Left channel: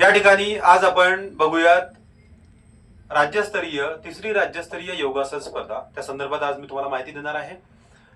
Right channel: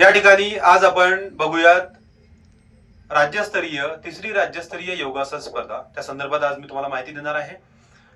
या ठिकाणी आज आपण बघूयात तिसरी राज्यस्तरीय योगासन स्पर्धा. त्या संदर्भात आज मी तुम्हाला माहिती देणार आहे.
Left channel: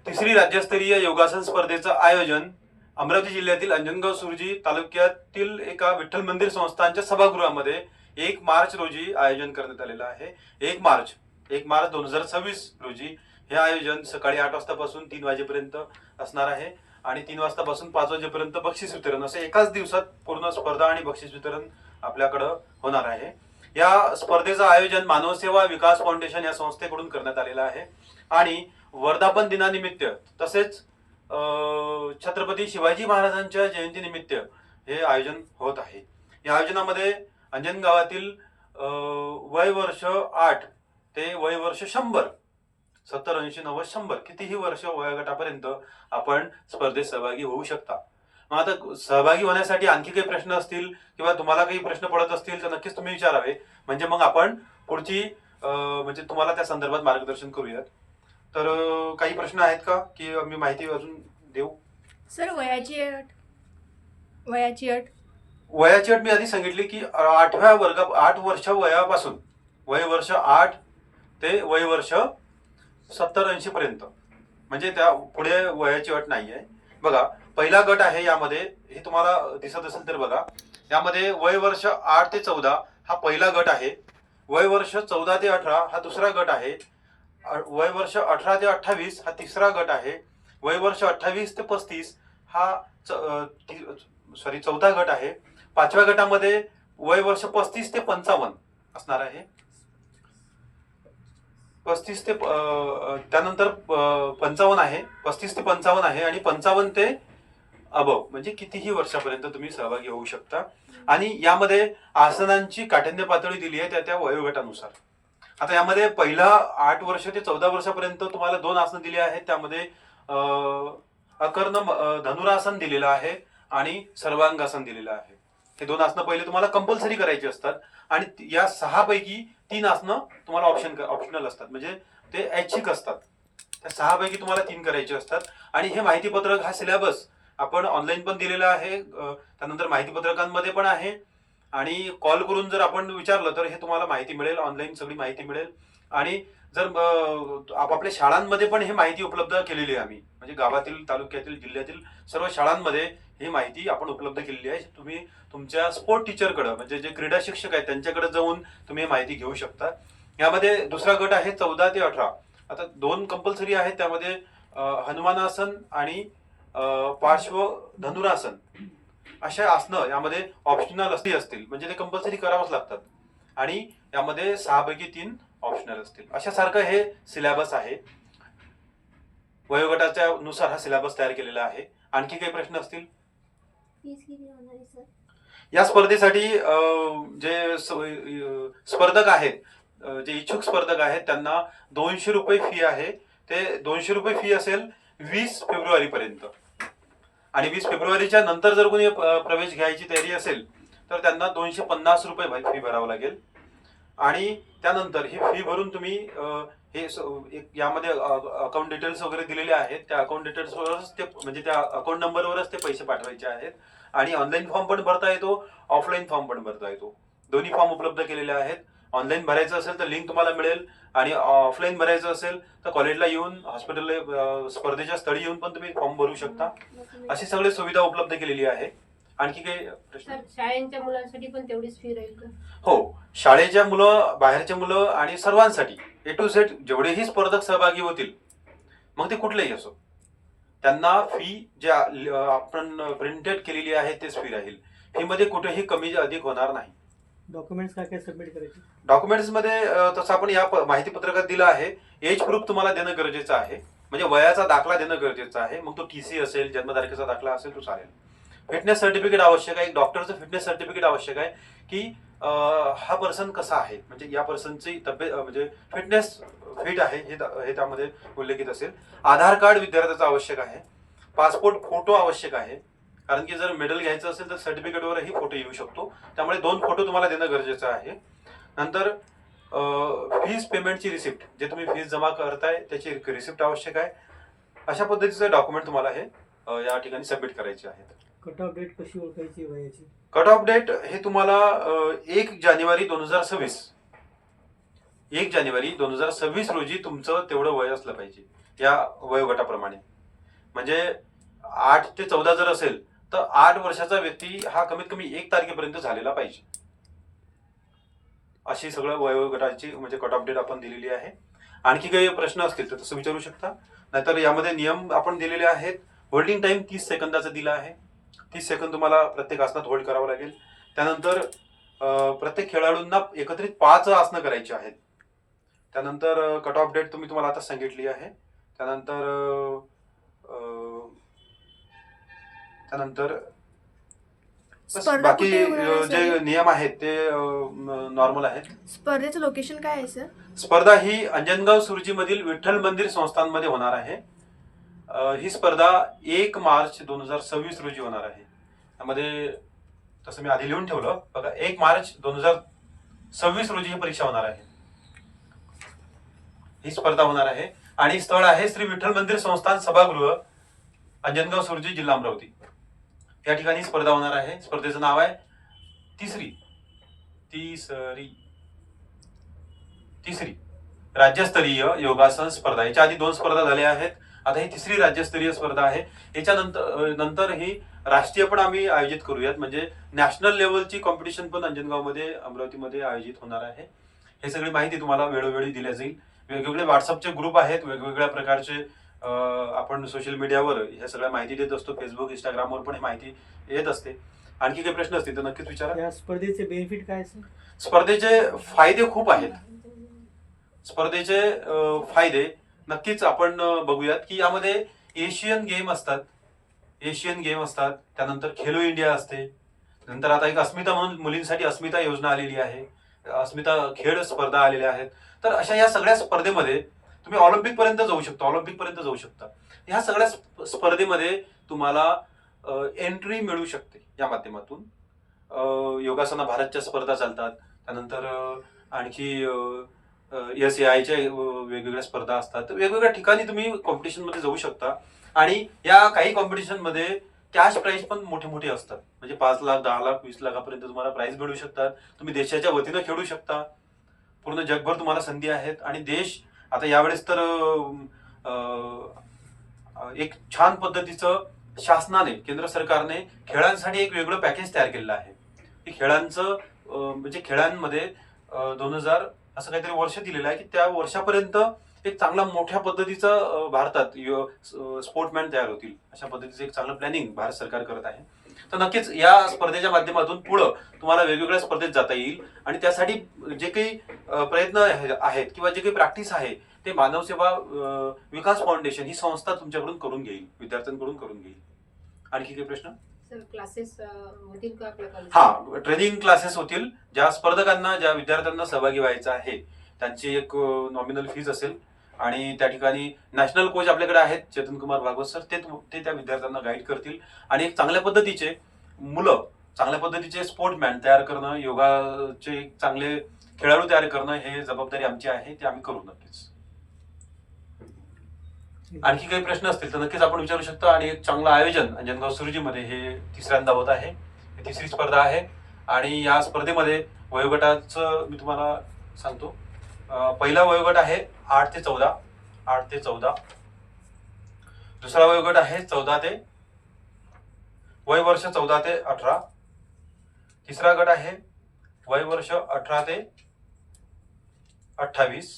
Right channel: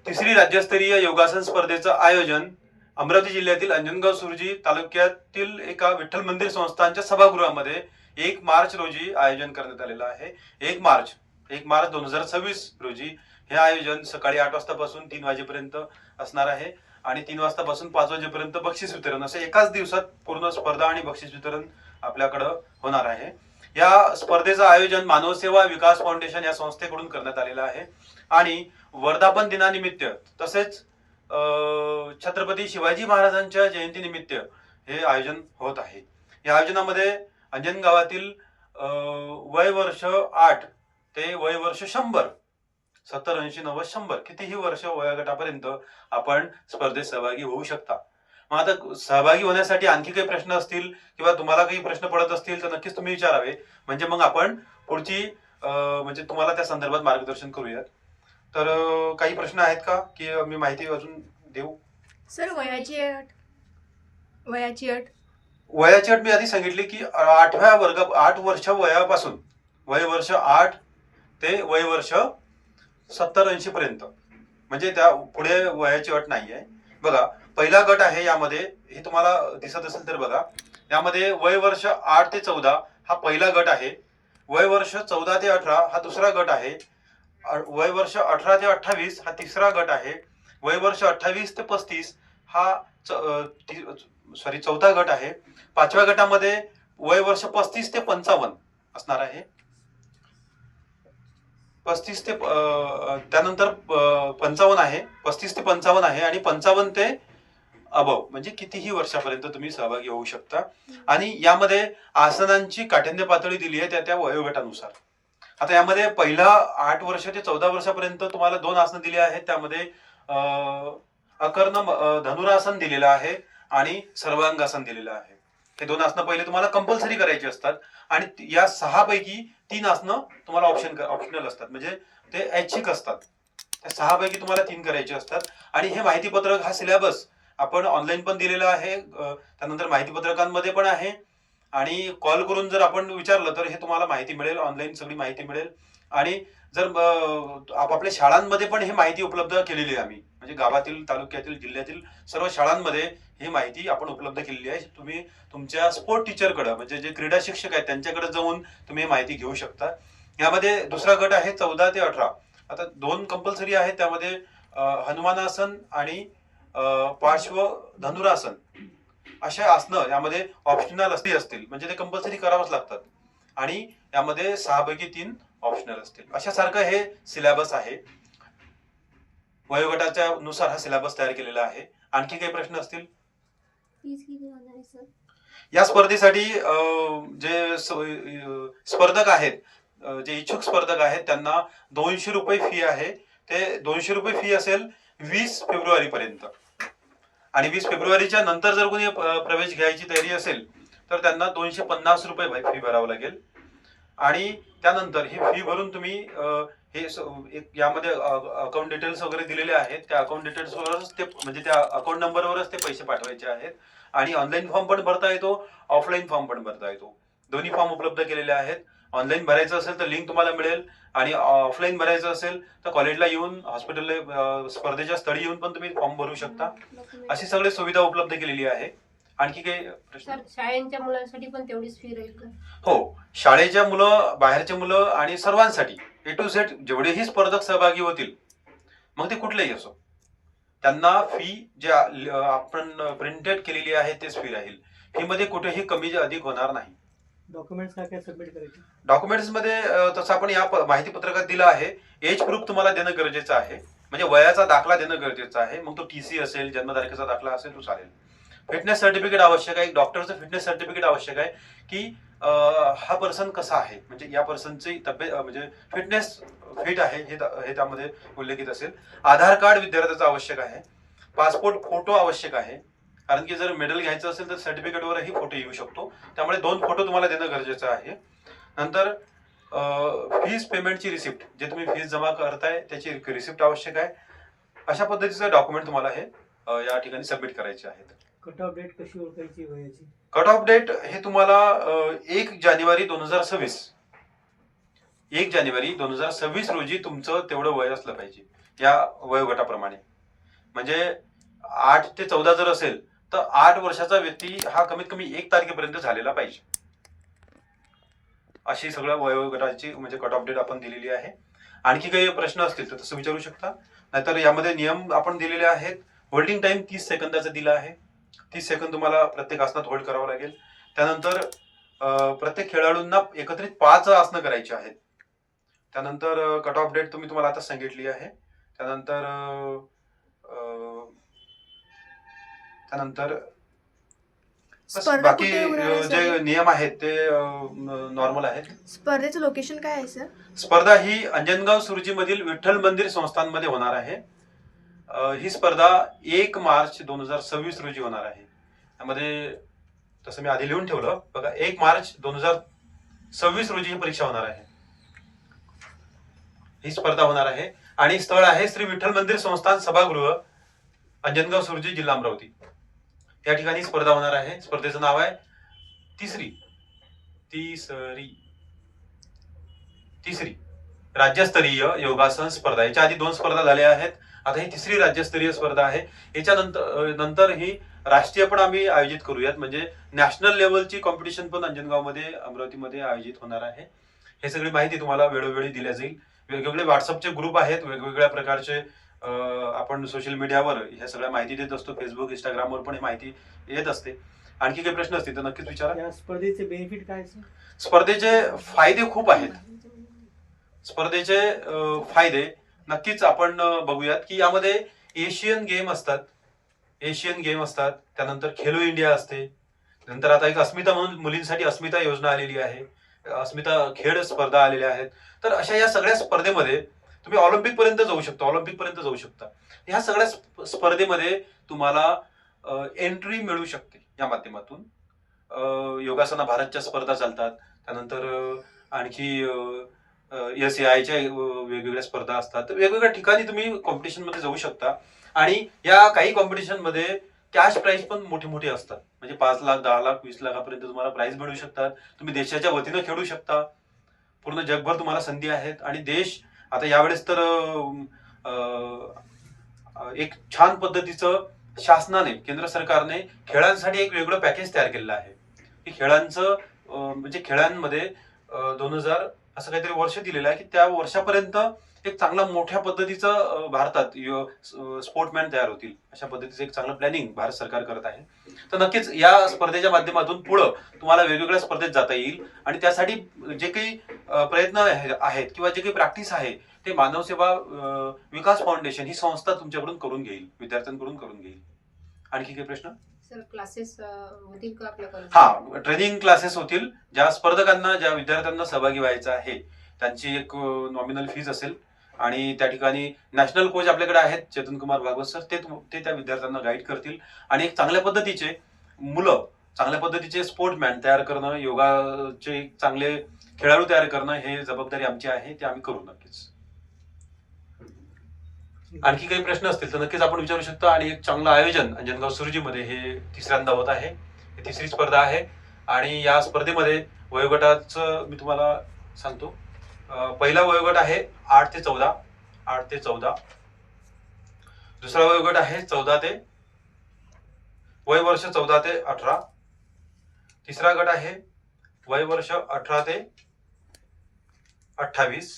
तिसरी राज्यस्तरीय योगासन स्पर्धेचं आयोजन अमरावती जिल्ह्यातील अंजनगाव सुर्जी तालुक्यातील एका विठ्ठल मंदिर संस्थानच्या सभागृहामध्ये 1 मार्च रोजी आयोजन करण्यात आलेलं आहे. 1 मार्च 2026 रोजी हे आयोजन सकाळी 8 वाजतापासून 3 वाजेपर्यंत असणार आहे आणि 3 वाजतापासून 5 वाजेपर्यंत बक्षीस वितरण असे एकाच दिवसात पूर्ण स्पर्धा आणि बक्षीस वितरण आपल्याकडं होणार आहे. या स्पर्धेचं आयोजन मानव सेवा विकास फाउंडेशन या संस्थेकडून करण्यात आलेलं आहे आणि वर्धापन दिनानिमित्त तसेच छत्रपती शिवाजी महाराजांच्या जयंतीनिमित्त हे आयोजन होत आहे. या आयोजनामध्ये अंजनगावातील वय वर्ष 8 ते वय वर्ष 100 70 80 90 100 कितीही वर्ष वयोगटापर्यंत आपण स्पर्धेत सहभागी होऊ शकता. मग आता सहभागी होण्यासाठी आणखी काही प्रश्न असतील किंवा तुम्हाला काही प्रश्न पडत असतील तर नक्कीच तुम्ही विचारावे, म्हणजे मग आपण पुढची म्हणजे तुम्हाला त्या संदर्भात मार्गदर्शन करूयात. तर काही प्रश्न आहेत का की मी माहिती अजून देऊ? सर वयाची अट मी आधी सांगितली की 8 वर्ष वयापासून वय वर्ष 8 ते वय वर्ष 70 80 पर्यंत, म्हणजे त्या पुढे वयाची अट नाहीये. बघा, पहिला गट आहे यामध्ये, हे तुम्हाला दिसत असेल तर बघा, यामध्ये वय वर्ष 8 ते 14 हा पहिला गट आहे. वय वर्ष 14 ते 18 हा दुसरा गट आहे. वय वर्ष 18 ते 28 हा तिसरा गट आहे. वय वर्ष 28 ते 35 हा चौथा गट आहे. पाचव्या गटामध्ये वय वर्ष 35 ते 55 असणार आहे. 35 ते त्यानंतर 55 आहे. 35 ते 55 आहे आणि 55 ते अबव म्हणजे कितीही वर्षापर्यंत तुम्ही सहभागी होऊ शकता. आणि यामध्ये आसनांची काठिण्य पातळी दिली आहे त्या वयोगटानुसार. आता यामध्ये पहिला 8 वर्ष ते 14 वर्षापर्यंत तुम्हाला 2 आसनं दिली आहेत. त्यामध्ये अकर्ण धनुरासन दिलेलं आहे आणि सर्वांगासन दिलेलं आहे. हे 2 आसनं पहिले तुम्हाला कंपल्सरी करायची असतात आणि या 6 पैकी 3 आसनं तुम्हाला ऑप्शनल असतात, म्हणजे ते ऐच्छिक असतात. त्या 6 पैकी तुम्हाला 3 करायचे असतात. आणि हे माहिती पत्रक, हा सिलेबस आपण ऑनलाईन पण दिलेला आहे, त्यानंतर माहिती पत्रकांमध्ये पण आहे आणि कॉल करून जर आपण विचारलं तर हे तुम्हाला माहिती मिळेल, ऑनलाईन सगळी माहिती मिळेल. आणि जर आपापल्या शाळांमध्ये पण ही माहिती उपलब्ध केलेली आहे आम्ही, म्हणजे गावातील, तालुक्यातील, जिल्ह्यातील सर्व शाळांमध्ये ही माहिती आपण उपलब्ध केलेली आहे. तुम्ही तुमच्या स्पोर्ट टीचरकडे, म्हणजे जे क्रीडा शिक्षक आहेत त्यांच्याकडे जाऊन तुम्ही माहिती घेऊ शकता. यामध्ये दुसरा गट आहे 14 ते 18. आता 2 कंपल्सरी आहेत, त्यामध्ये हनुमानासन आणि पार्श्व धनुरासन अशा आसनं यामध्ये ऑप्शनल असतील, म्हणजे ते कंपल्सरी करावंच लागतात. आणि यामध्ये 6 पैकी 3 ऑप्शनल असतील. अशा सारखं हे सिलेबस आहे. वयोगटाच्या नुसार हा सिलेबस तयार केलेला आहे. आणखी काही प्रश्न असतील? या स्पर्धेसाठी जे स्पर्धक आहेत, जे इच्छुक स्पर्धक आहेत त्यांना 200 रुपये फी आहे. ते 200 रुपये फी असेल 20 फेब्रुवारी पर्यंत. आणि 20 फेब्रुवारीच्या नंतर जर कोणी प्रवेश घ्यायची तयारी असेल तर त्यांना 250 रुपये फी भरावं लागेल. आणि त्यानंतर ही फी भरून तुम्ही हे यामध्ये अकाउंट डिटेल्स वगैरे दिलेले आहेत, त्या अकाउंट डिटेल्सवरच ते, म्हणजे त्या अकाउंट नंबरवरच ते पैसे पाठवायचे आहेत. आणि ऑनलाईन फॉर्म पण भरता येतो, ऑफलाईन फॉर्म पण भरता येतो. दोन्ही फॉर्म उपलब्ध केलेले आहेत. ऑनलाईन भरायचं असेल तर लिंक तुम्हाला मिळेल आणि ऑफलाईन भरायचं असेल तर कॉलेजला येऊन, हॉस्पिटलला, स्पर्धेच्या स्थळी येऊन पण तुम्ही फॉर्म भरू शकता. अशी सगळी सुविधा उपलब्ध केलेली आहे. आणखी काही प्रश्न? शाळेच्या मुलांसाठी पण तेवढीच फी राहील का? हो, शाळेच्या मुलं, बाहेरचे मुलं आणि सर्वांसाठी ए टू झेड जेवढेही स्पर्धक सहभागी होतील, मग ते कुठलेही असो, त्यांना फी जे आपण प्रिंटेड केलेली आहे तेच फी राहील. फी मध्ये कुठेही कमी अधिक होणार नाही. डॉक्युमेंट्स काय सबमिट करायचे? डॉक्युमेंट्स मध्ये तसं आपण या माहिती पत्रकात दिलं आहे. एज प्रूफ तुम्हाला देणं गरजेचं आहे, म्हणजे वयाचा दाखला देणं गरजेचं आहे. मग तो टीसी असेल, जन्मतारखेचा दाखला असेल तो चालेल. फिटनेस सर्टिफिकेट आवश्यक आहे, डॉक्टरचं फिटनेस सर्टिफिकेट आवश्यक आहे की हा पर्सन कसा आहे, म्हणजे या पर्सनची तब्येत, म्हणजे फिटनेस फिट आहे हे त्यामध्ये उल्लेखित असेल. आधार कार्ड विद्यार्थ्याचं आवश्यक आहे. पासपोर्ट फोटो आवश्यक आहे, कारण की जर मेडल घ्यायचं असेल तर सर्टिफिकेटवरही फोटो येऊ शकतो, त्यामुळे 2 फोटो तुम्हाला देणं गरजेचं आहे. नंतर फीस पेमेंटची रिसिप्ट, जे तुम्ही फीस जमा करताय त्याची रिसिप्ट आवश्यक आहे. अशा पद्धतीचे डॉक्युमेंट तुम्हाला हे या ठिकाणी सबमिट करायचे आहेत. कट ऑफ डेट कशी ओळखायची वयाची? कट ऑफ डेट हे तुम्हाला 1 जानेवारी 2026 1 जानेवारी 2026 रोजी तुमचं तेवढं वय असलं पाहिजे या वयोगटाप्रमाणे. म्हणजे 8 ते 14 जर असेल तर 8 वर्षाचा व्यक्ती हा कमीत कमी 1 तारखेपर्यंत झालेला पाहिजे. अशी सगळं वयोगटाची म्हणजे कट ऑफ डेट आपण दिलेली आहे. आणखी काही प्रश्न असतील तर तसं विचारू शकता. नाहीतर यामध्ये नियम आपण दिलेले आहेत. होल्डिंग टाइम 30 सेकंदाचा दिला आहे. 30 सेकंद तुम्हाला प्रत्येक आसनात होल्ड करावं लागेल. त्यानंतर प्रत्येक खेळाडूंना एकत्रित 5 आसनं करायची आहेत. त्यानंतर कट ऑफ डेट तुम्हाला आता सांगितली आहे. त्यानंतर त्यानंतर बस स्पर्धा बाकी कुठे होणार आहे जे सर? नियम आहेत ते नॉर्मल आहेत. स्पर्धेचं लोकेशन काय आहे सर? स्पर्धा ही अंजनगाव सुरजी मधील विठ्ठल मंदिर संस्थांमध्ये होणार आहे. ही स्पर्धा 1 मार्च 2026 रोजी होणार आहे. त्यामध्ये तसं मी आधी लिहून ठेवलं बघा, 1 मार्च 2026 रोजी ही परीक्षा होणार आहे. ही स्पर्धा होणार आहे आणि स्थळ आहे श्री विठ्ठल मंदिर संस्थान सभागृह, अंजनगाव सुरजी, जिल्हा अमरावती. या ठिकाणी स्पर्धा होणार आहे. स्पर्धेचं नाव आहे तिसरी राज्यस्तरीय योगासन स्पर्धा. याच्या आधी 2 स्पर्धा झाल्या आहेत. आता ही तिसरी राज्यस्तरीय स्पर्धा आहे. याच्यानंतर ही राष्ट्रीय पण आम्ही आयोजित करूयात. म्हणजे नॅशनल लेवलची कॉम्पिटिशन पण अंजनगावमध्ये, अमरावतीमध्ये आयोजित होणार आहे. हे सगळी माहिती तुम्हाला वेळोवेळी दिल्या जाईल. वेगवेगळे व्हॉट्सअपचे ग्रुप आहेत. वेगवेगळ्या प्रकारचे आपण सोशल मीडियावर ह्या सगळ्या माहिती देत असतो. फेसबुक, इंस्टाग्रामवर पण ही माहिती येत असते. आणखी काही प्रश्न असतील तर नक्कीच विचारा. या स्पर्धेचे बेनिफिट काय सर? स्पर्धेचे फायदे खूप आहेत. स्पर्धेचे फायदे नक्कीच आपण बघूयात की यामध्ये एशियन गेम असतात. त्यानंतर खेलो इंडिया असते. नंतर आता एक अस्मिता म्हणून मुलींसाठी अस्मिता योजना आलेली आहे. अस्मिता खेळ स्पर्धा आलेल्या आहेत. तर अशा या सगळ्या स्पर्धेमध्ये तुम्ही ऑलिम्पिक पर्यंत जाऊ शकता. ह्या सगळ्या स्पर्धेमध्ये तुम्हाला एंट्री मिळू शकते या माध्यमातून. योगासना भारतच्या स्पर्धा चालतात. त्यानंतर आणखी SAIच्या वेगवेगळ्या स्पर्धा असतात. वेगवेगळ्या ठिकाणी तुम्ही कॉम्पिटिशन मध्ये जाऊ शकता. आणि या काही कॉम्पिटिशन मध्ये कॅश प्राइज पण मोठे मोठे असतात. म्हणजे 5 लाख, 10 लाख, 20 लाखापर्यंत तुम्हाला प्राइज मिळू शकतात. तुम्ही देशाच्या वतीनं खेळू शकता. पूर्ण जगभर तुम्हाला संधी आहेत. आणि देश आता यावेळेस तर एक छान पद्धतीचं शासनाने, केंद्र सरकारने खेळांसाठी एक वेगळं पॅकेज तयार केलेलं आहे. की खेळांचं म्हणजे खेळांमध्ये 2000 असं काहीतरी वर्ष दिलेलं आहे की त्या वर्षापर्यंत एक चांगला मोठ्या पद्धतीचा भारतात स्पोर्टमॅन तयार होतील. अशा पद्धतीचं एक चांगलं प्लॅनिंग भारत सरकार करत आहे. तर नक्कीच या स्पर्धेच्या माध्यमातून पुढं तुम्हाला वेगवेगळ्या स्पर्धेत जाता येईल. आणि त्यासाठी जे काही प्रयत्न आहेत किंवा जे काही प्रॅक्टिस आहे ते मानव सेवा विकास फाउंडेशन ही संस्था तुमच्याकडून करून घेईल, विद्यार्थ्यांकडून करून घेईल. आणखी काही प्रश्न? सर क्लासेस होतील का आपल्या कॉलेज? हा, ट्रेनिंग क्लासेस होतील. ज्या स्पर्धकांना, ज्या विद्यार्थ्यांना सहभागी व्हायचं आहे त्यांची एक नॉमिनल फीज असेल. आणि त्या ठिकाणी नॅशनल कोच आपल्याकडे आहेत, चेतन कुमार भागवत सर. ते त्या विद्यार्थ्यांना गाईड करतील. आणि एक चांगल्या पद्धतीचे स्पोर्टमॅन तयार करणं, योगाचे चांगले खेळाडू तयार करणं हे जबाबदारी आमची आहे. ते आम्ही करू नक्कीच. आणखी काही प्रश्न असतील तर नक्कीच आपण विचारू शकता. आणि एक चांगलं आयोजन अंजनगाव सुरजीमध्ये हे तिसऱ्यांदा होत आहे. ही तिसरी स्पर्धा आहे. आणि या स्पर्धेमध्ये वयोगटाचं मी तुम्हाला सांगतो. पहिला वयोगट आहे 8 ते 14. दुसरा वयोगट आहे 14 ते वय वर्ष 14 ते 18. तिसरा गट आहे वय वर्ष 18 ते 28.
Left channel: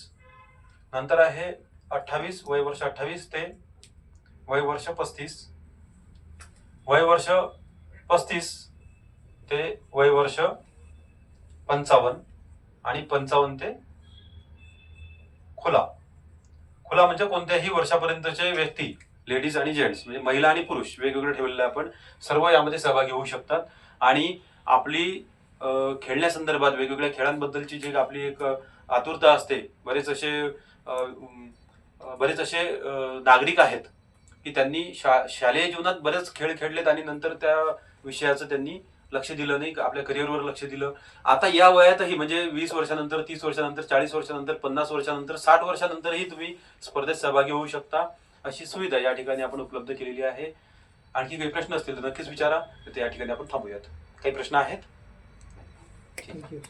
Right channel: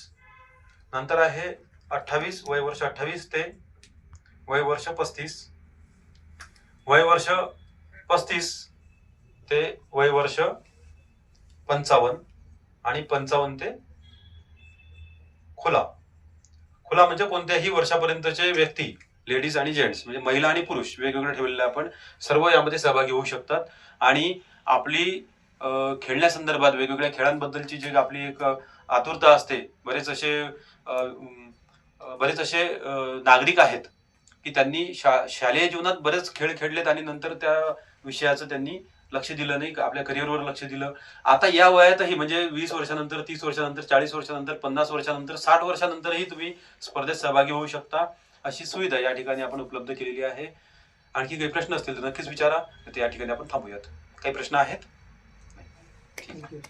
नंतर आहे 28 वय वर्ष 28 ते वय वर्ष 35. वय वर्ष 35 ते वय वर्ष 55. आणि 55 ते खुला म्हणजे कोणत्याही वर्षापर्यंतचे व्यक्ती, लेडीज आणि जेंट्स म्हणजे महिला आणि पुरुष वेगवेगळे ठेवलेले आपण सर्व यामध्ये सहभागी होऊ शकतात. आणि आपली खेळण्यासंदर्भात वेगवेगळ्या खेळांबद्दलची जी आपली एक आतुरता असते. बरेच असे नागरिक आहेत की त्यांनी शालेय जीवनात बरेच खेळ खेळलेत आणि नंतर त्या विषयाचं त्यांनी लक्ष दिलं नाही, आपल्या करिअरवर लक्ष दिलं. आता या वयातही म्हणजे 20 वर्षानंतर, 30 वर्षानंतर, 40 वर्षानंतर, 50 वर्षानंतर, 60 वर्षानंतरही तुम्ही स्पर्धेत सहभागी होऊ शकता. अशी सुविधा या ठिकाणी आपण उपलब्ध केलेली आहे. आणखी काही प्रश्न असतील तर नक्कीच विचारा. तर या ठिकाणी आपण थांबूयात. काही प्रश्न आहेत? ठीक आहे. थँक्यू.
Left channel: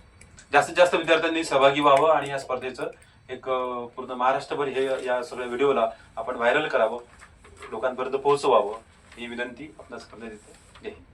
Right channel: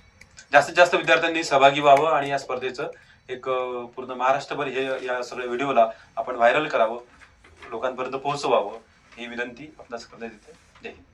जास्तीत जास्त विद्यार्थ्यांनी सहभागी व्हावं आणि या स्पर्धेचं एक पूर्ण महाराष्ट्रभर हे या सगळ्या व्हिडिओला आपण व्हायरल करावं, लोकांपर्यंत पोहोचवावं ही विनंती आपणास करण्यात येते. जय हिंद.